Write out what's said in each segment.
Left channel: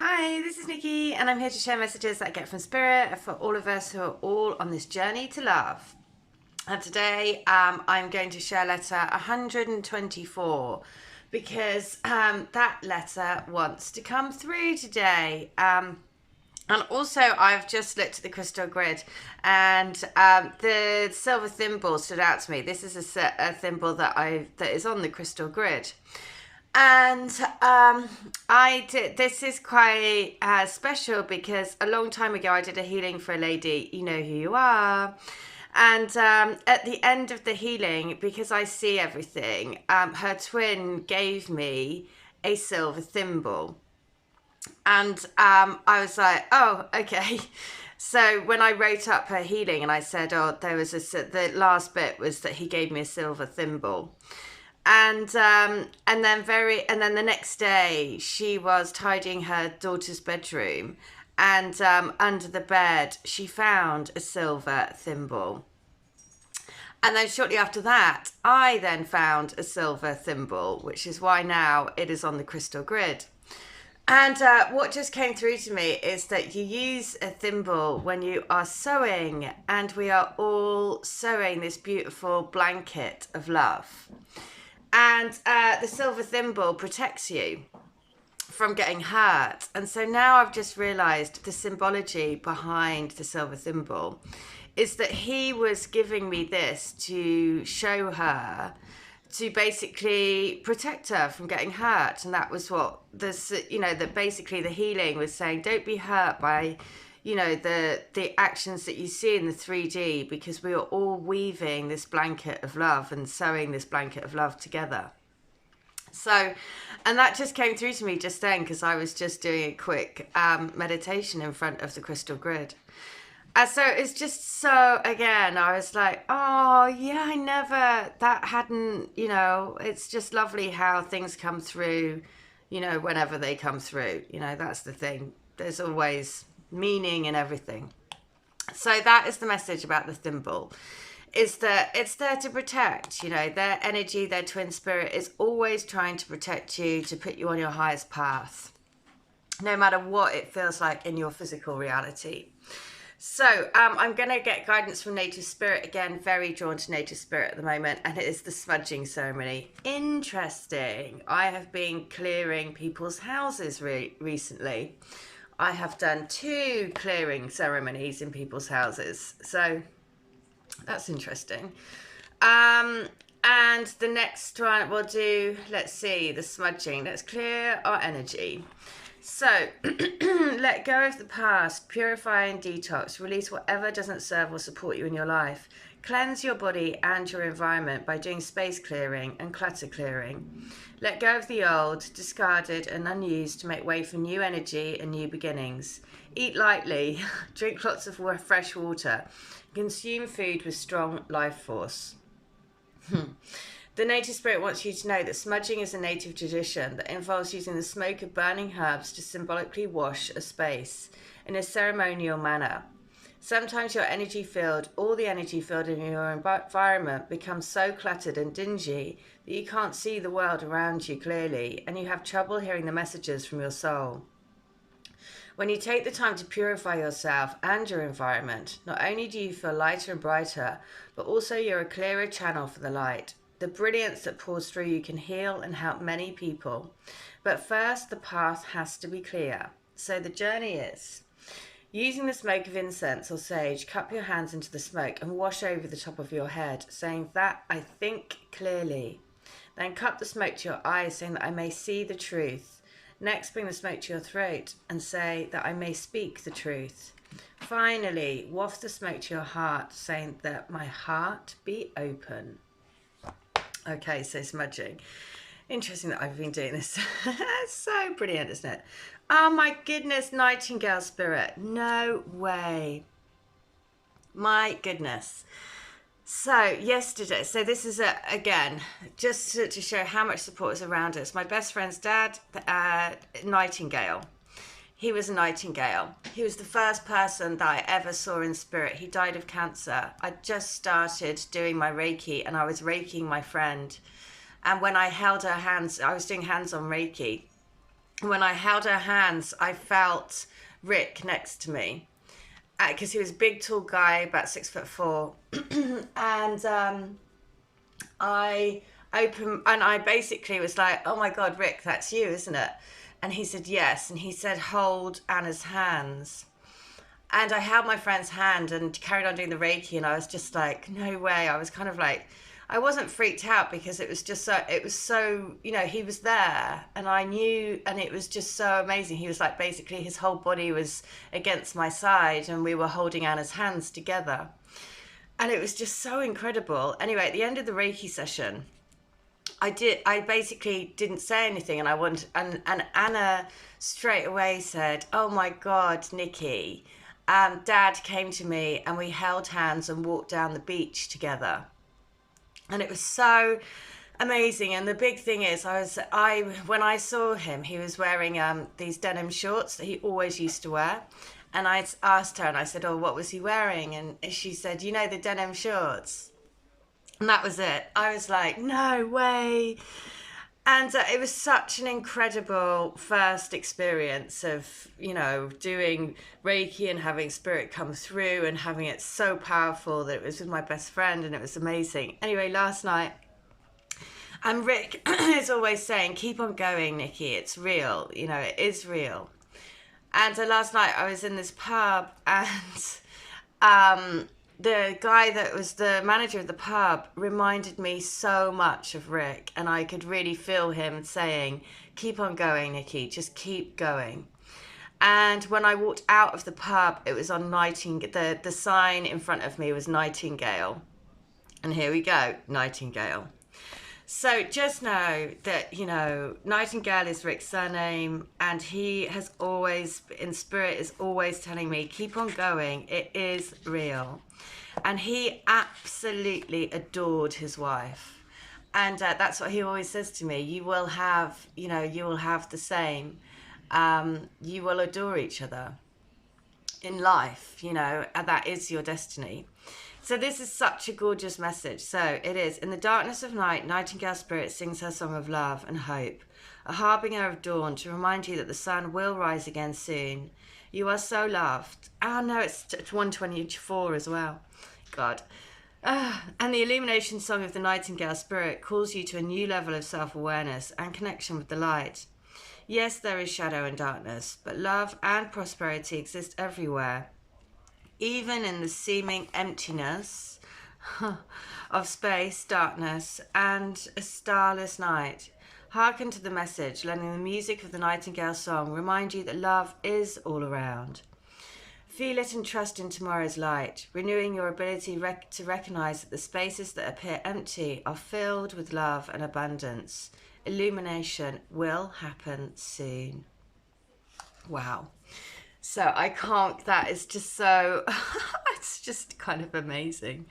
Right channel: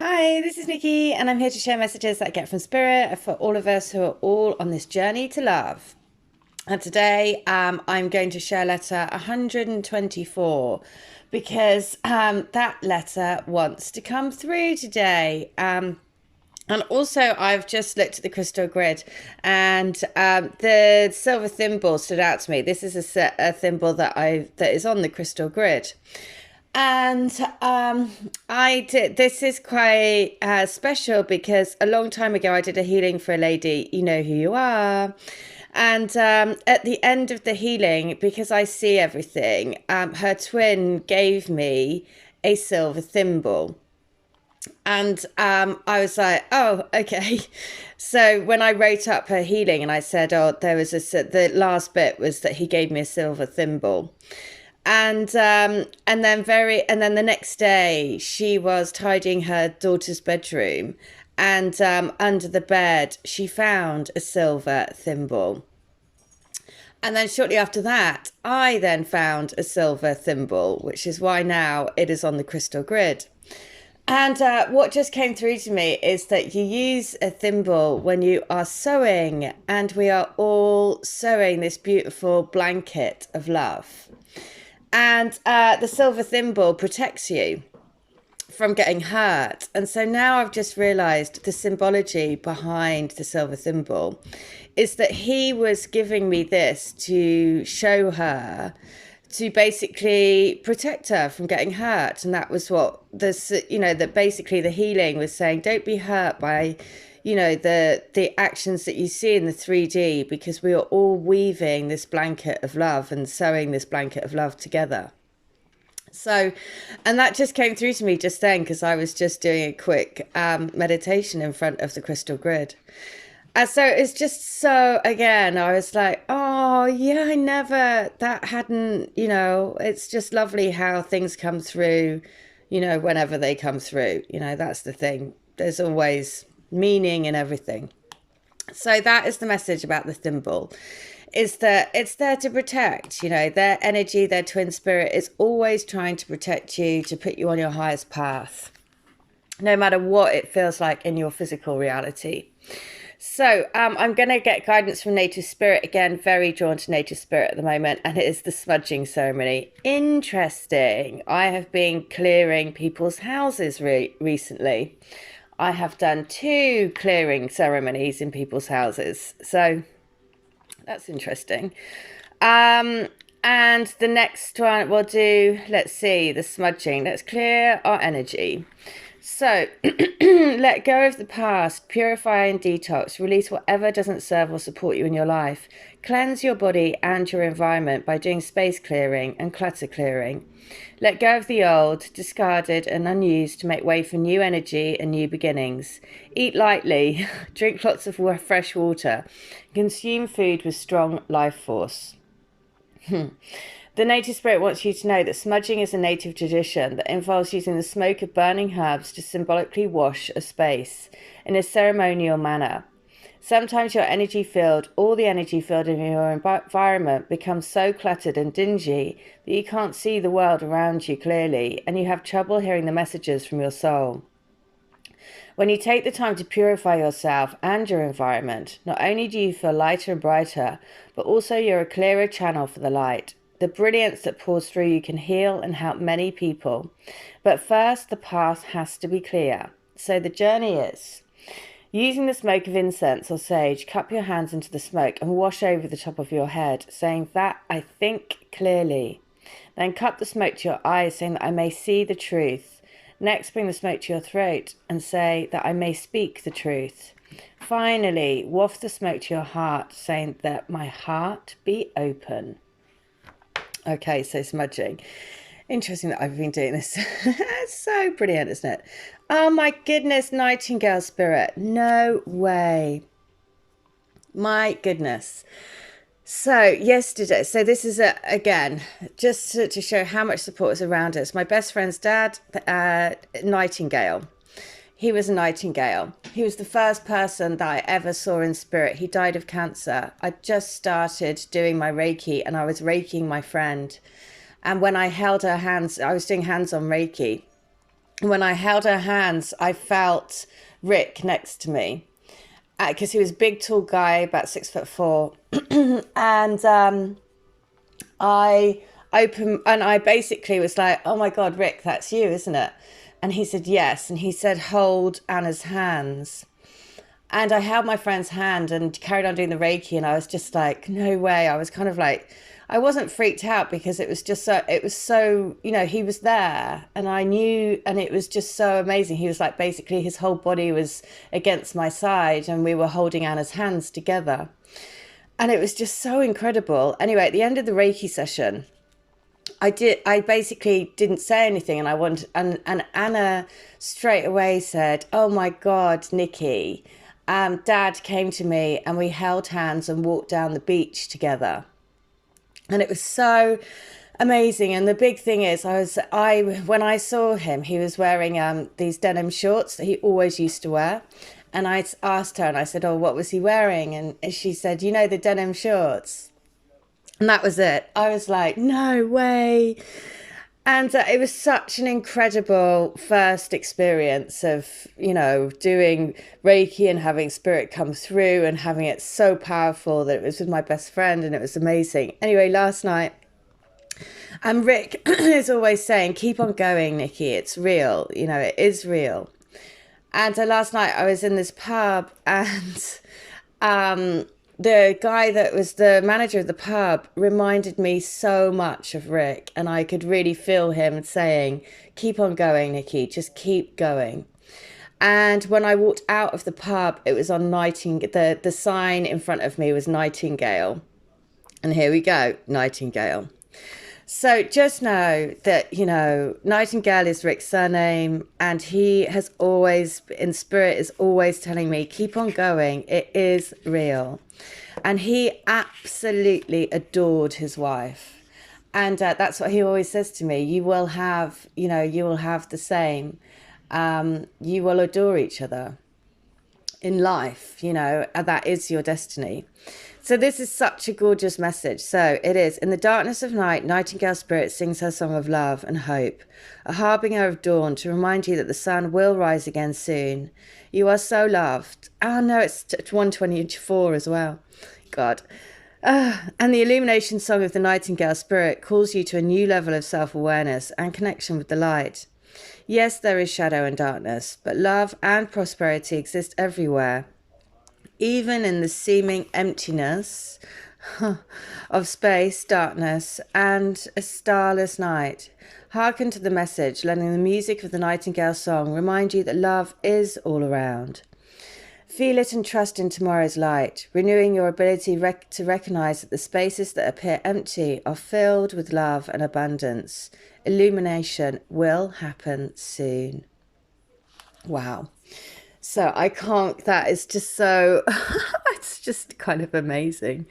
Hi, this is Nikki, and I'm here to share messages that I get from Spirit for all of us who are all on this journey to love. And today I'm going to share letter 124 because that letter wants to come through today. And also, I've just looked at the crystal grid, and the silver thimble stood out to me. This is a thimble that is on the crystal grid. And I did. This is quite special because a long time ago I did a healing for a lady. You know who you are. And at the end of the healing, because I see everything, her twin gave me a silver thimble. And I was like, oh, okay. So when I wrote up her healing and I said, oh, the last bit was that he gave me a silver thimble. And then the next day she was tidying her daughter's bedroom, and under the bed she found a silver thimble. And then shortly after that, I then found a silver thimble, which is why now it is on the crystal grid. And what just came through to me is that you use a thimble when you are sewing, and we are all sewing this beautiful blanket of love. And the silver thimble protects you from getting hurt. And so now I've just realized the symbology behind the silver thimble is that he was giving me this to show her, to basically protect her from getting hurt. And that was what this, that basically the healing was saying, don't be hurt by the actions that you see in the 3D, because we are all weaving this blanket of love and sewing this blanket of love together. So, and that just came through to me just then, because I was just doing a quick meditation in front of the crystal grid. So it's just so, again, I was like, oh yeah, that hadn't, it's just lovely how things come through, whenever they come through, that's the thing. There's always meaning in everything. So that is the message about the thimble, is that it's there to protect, their energy, their twin spirit is always trying to protect you, to put you on your highest path, no matter what it feels like in your physical reality. So I'm going to get guidance from nature spirit again, very drawn to nature spirit at the moment, and it is the smudging ceremony. Interesting. I have been clearing people's houses recently. I have done 2 clearing ceremonies in people's houses. So that's interesting. And the next one we'll do, let's see, the smudging. Let's clear our energy. So let go of the past, purify and detox, release whatever doesn't serve or support you in your life. Cleanse your body and your environment by doing space clearing and clutter clearing. Let go of the old, discarded and unused to make way for new energy and new beginnings. Eat lightly, drink lots of fresh water, consume food with strong life force. The native spirit wants you to know that smudging is a native tradition that involves using the smoke of burning herbs to symbolically wash a space in a ceremonial manner. Sometimes your energy field, or the energy field in your environment, becomes so cluttered and dingy that you can't see the world around you clearly, and you have trouble hearing the messages from your soul. When you take the time to purify yourself and your environment, not only do you feel lighter and brighter, but also you're a clearer channel for the light. The brilliance that pours through you can heal and help many people. But first, the path has to be clear. So the journey is: using the smoke of incense or sage, cup your hands into the smoke and wash over the top of your head, saying that I think clearly. Then cup the smoke to your eyes, saying that I may see the truth. Next, bring the smoke to your throat and say that I may speak the truth. Finally, waft the smoke to your heart, saying that my heart be open. Okay, so smudging. Interesting that I've been doing this. It's so brilliant, isn't it? Oh my goodness, nightingale spirit. No way. My goodness. So yesterday, so this is again, just to show how much support is around us. My best friend's dad, nightingale. He was a nightingale. He was the first person that I ever saw in spirit. He died of cancer. I just started doing my Reiki, and I was Reikiing my friend. And when I held her hands, I was doing hands on Reiki. When I held her hands, I felt Rick next to me, because he was a big, tall guy, about 6'4", and I basically was like, "Oh my God, Rick, that's you, isn't it?" And he said, "Yes." And he said, "Hold Anna's hands." And I held my friend's hand and carried on doing the Reiki, and I was just like, no way. I was kind of like, I wasn't freaked out, because it was just so, he was there, and I knew, and it was just so amazing. He was like, basically his whole body was against my side, and we were holding Anna's hands together. And it was just so incredible. Anyway, at the end of the Reiki session, I basically didn't say anything, and Anna straight away said, "Oh my God, Nikki, Dad came to me and we held hands and walked down the beach together." And it was so amazing. And the big thing is, when I saw him, he was wearing these denim shorts that he always used to wear. And I asked her, and I said, "Oh, what was he wearing?" And she said, "The denim shorts." And that was it. I was like, no way. And it was such an incredible first experience of, doing Reiki and having spirit come through and having it so powerful that it was with my best friend, and it was amazing. Anyway, last night, and Rick is always saying, "Keep on going, Nikki. It's real. It is real." And last night I was in this pub, and the guy that was the manager of the pub reminded me so much of Rick, and I could really feel him saying, "Keep on going, Nikki, just keep going." And when I walked out of the pub, it was on Nightingale. The sign in front of me was Nightingale. And here we go, Nightingale. So just know that, Nightingale is Rick's surname, and he has always, in spirit, is always telling me, keep on going. It is real. And he absolutely adored his wife. And that's what he always says to me. You will have the same. You will adore each other in life, and that is your destiny. So this is such a gorgeous message. So it is. In the darkness of night, Nightingale Spirit sings her song of love and hope, a harbinger of dawn to remind you that the sun will rise again soon. You are so loved. Oh no, it's 124 as well. God. And the illumination song of the Nightingale Spirit calls you to a new level of self-awareness and connection with the light. Yes, there is shadow and darkness, but love and prosperity exist everywhere. Even in the seeming emptiness of space, darkness, and a starless night. Hearken to the message, letting the music of the Nightingale song remind you that love is all around. Feel it and trust in tomorrow's light, renewing your ability to recognize that the spaces that appear empty are filled with love and abundance. Illumination will happen soon. Wow. So that is just so, it's just kind of amazing.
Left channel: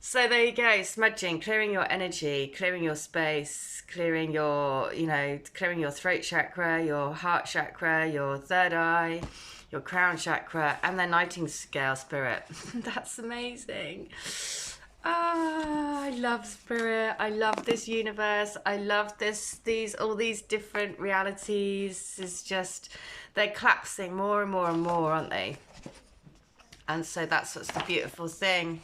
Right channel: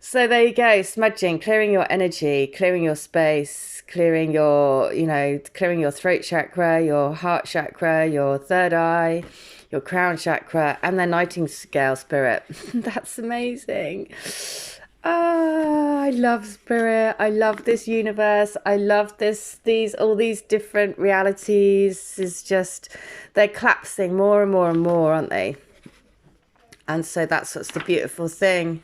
So there you go, smudging, clearing your energy, clearing your space, clearing your throat chakra, your heart chakra, your third eye, your crown chakra, and the Nightingale Spirit. That's amazing. I love spirit. I love this universe. I love all these different realities. Is just, they're collapsing more and more and more, aren't they? And so that's what's the beautiful thing.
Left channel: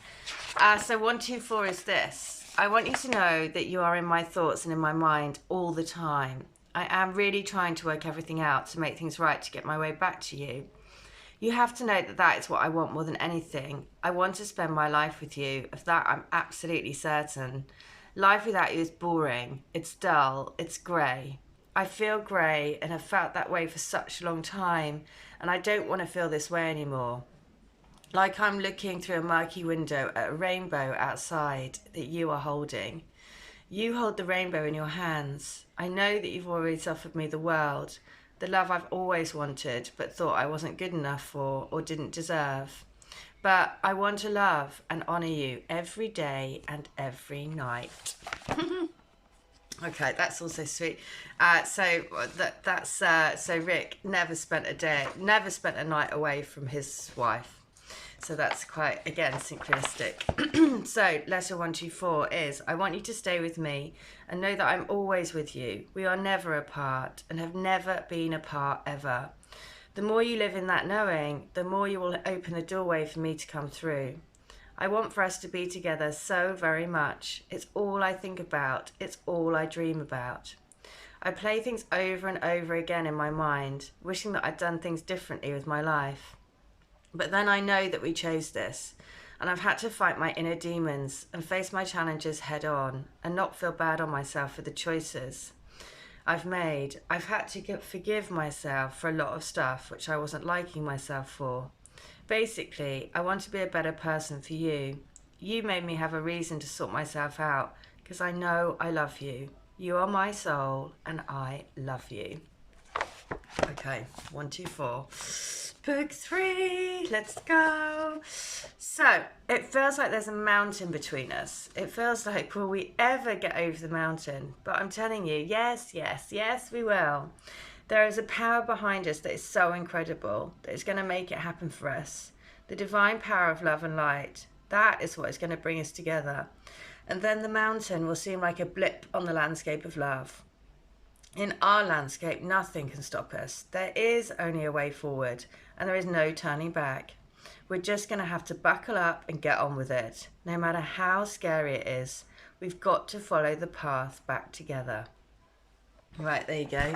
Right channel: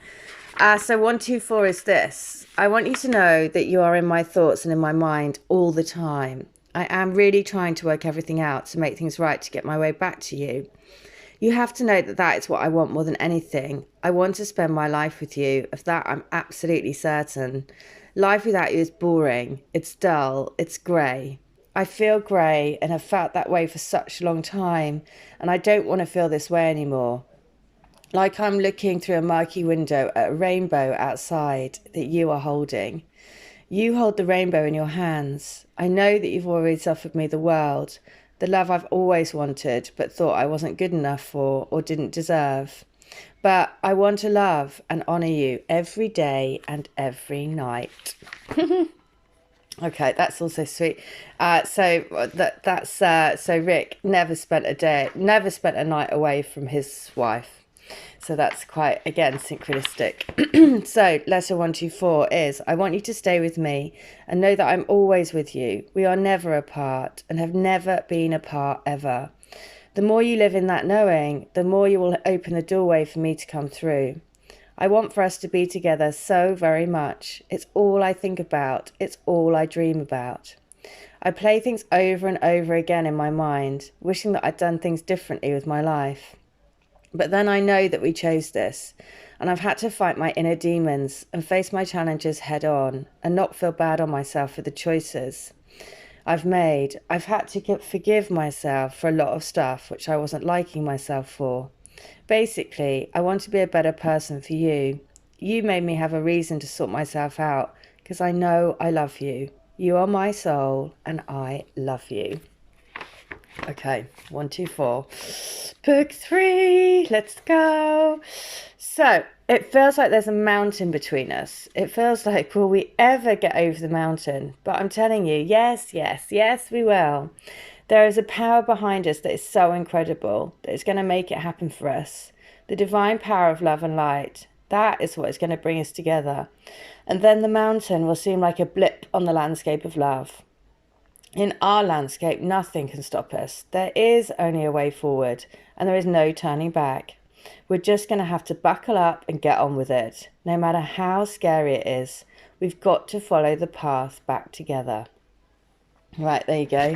So 124 is this. I want you to know that you are in my thoughts and in my mind all the time. I am really trying to work everything out to make things right, to get my way back to you. You have to know that is what I want more than anything. I want to spend my life with you. Of that, I'm absolutely certain. Life without you is boring. It's dull. It's grey. I feel grey and have felt that way for such a long time, and I don't want to feel this way anymore. Like I'm looking through a murky window at a rainbow outside that you are holding. You hold the rainbow in your hands. I know that you've always offered me the world, the love I've always wanted but thought I wasn't good enough for or didn't deserve. But I want to love and honour you every day and every night. Okay, that's also sweet. So Rick never spent a night away from his wife. So that's quite, again, synchronistic. So letter 124 is, I want you to stay with me and know that I'm always with you. We are never apart and have never been apart ever. The more you live in that knowing, the more you will open the doorway for me to come through. I want for us to be together so very much. It's all I think about. It's all I dream about. I play things over and over again in my mind, wishing that I'd done things differently with my life. But then I know that we chose this, and I've had to fight my inner demons and face my challenges head on and not feel bad on myself for the choices I've made. I've had to forgive myself for a lot of stuff which I wasn't liking myself for. Basically, I want to be a better person for you. You made me have a reason to sort myself out because I know I love you. You are my soul and I love you. Okay, 1, 2, 4. Book 3, let's go. So it feels like there's a mountain between us. It feels like, will we ever get over the mountain? But I'm telling you, yes, yes, yes, we will. There is a power behind us that is so incredible that is going to make it happen for us. The divine power of love and light. That is what is going to bring us together. And then the mountain will seem like a blip on the landscape of love. In our landscape, nothing can stop us. There is only a way forward, and there is no turning back. We're just going to have to buckle up and get on with it. No matter how scary it is, we've got to follow the path back together. Right, there you go.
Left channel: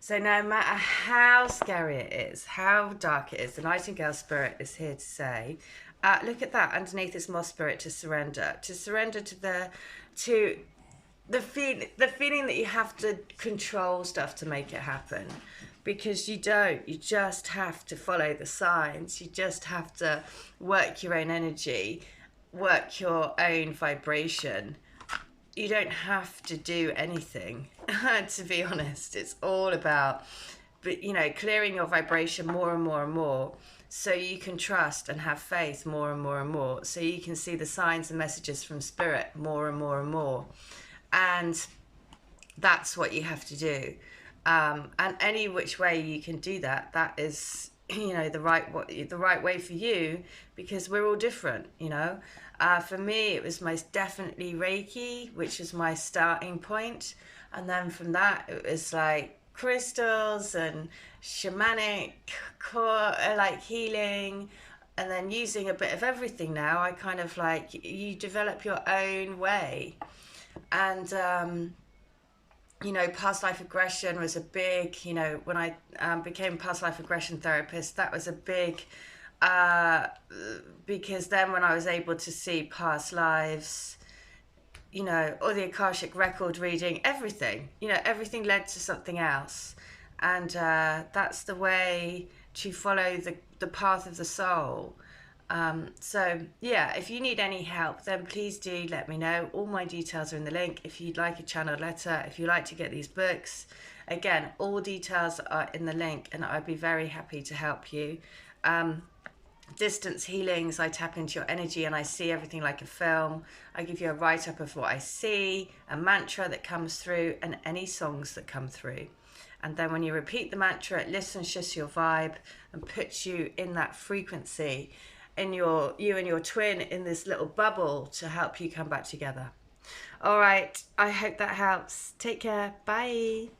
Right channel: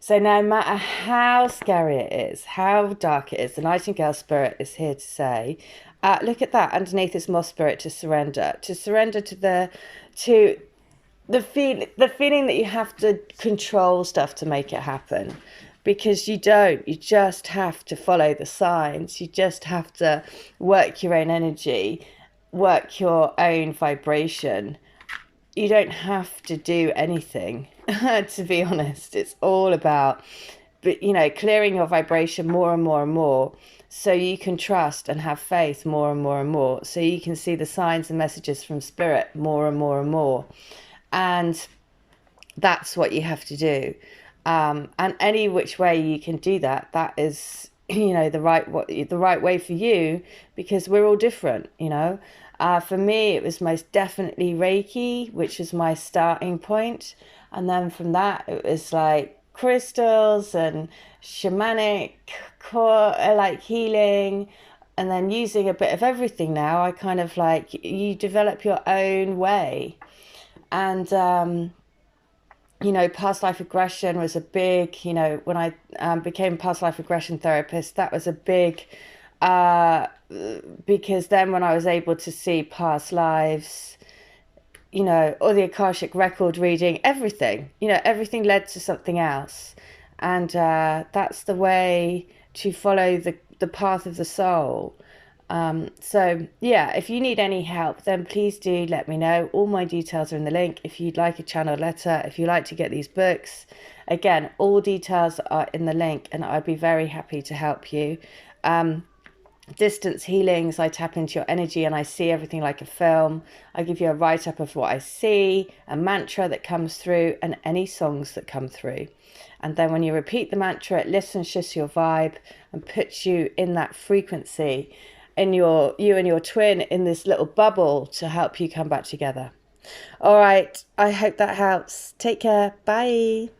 So no matter how scary it is, how dark it is, the Nightingale Spirit is here to say, look at that, underneath this Moss Spirit, to surrender to the feeling that you have to control stuff to make it happen, because you don't. You just have to follow the signs. You just have to work your own energy, work your own vibration. You don't have to do anything, to be honest. It's all about, clearing your vibration more and more and more, so you can trust and have faith more and more and more, so you can see the signs and messages from Spirit more and more and more. And that's what you have to do. And any which way you can do that, that is, the right way for you, because we're all different, For me, it was most definitely Reiki, which is my starting point. And then from that, it was like crystals and shamanic, like healing, and then using a bit of everything now. I kind of like, you develop your own way. And, past life regression was a big, when I became past life regression therapist, that was a big, because then when I was able to see past lives, or the Akashic record reading, everything, everything led to something else. And that's the way to follow the path of the soul. So yeah, if you need any help, then please do let me know. All my details are in the link. If you'd like a channel letter, if you like to get these books, again, all details are in the link, and I'd be very happy to help you. Distance healings, I tap into your energy and I see everything like a film. I give you a write-up of what I see, a mantra that comes through, and any songs that come through. And then when you repeat the mantra, it lifts and shifts your vibe and puts you in that frequency, in you and your twin, in this little bubble, to help you come back together. All right, I hope that helps. Take care. Bye.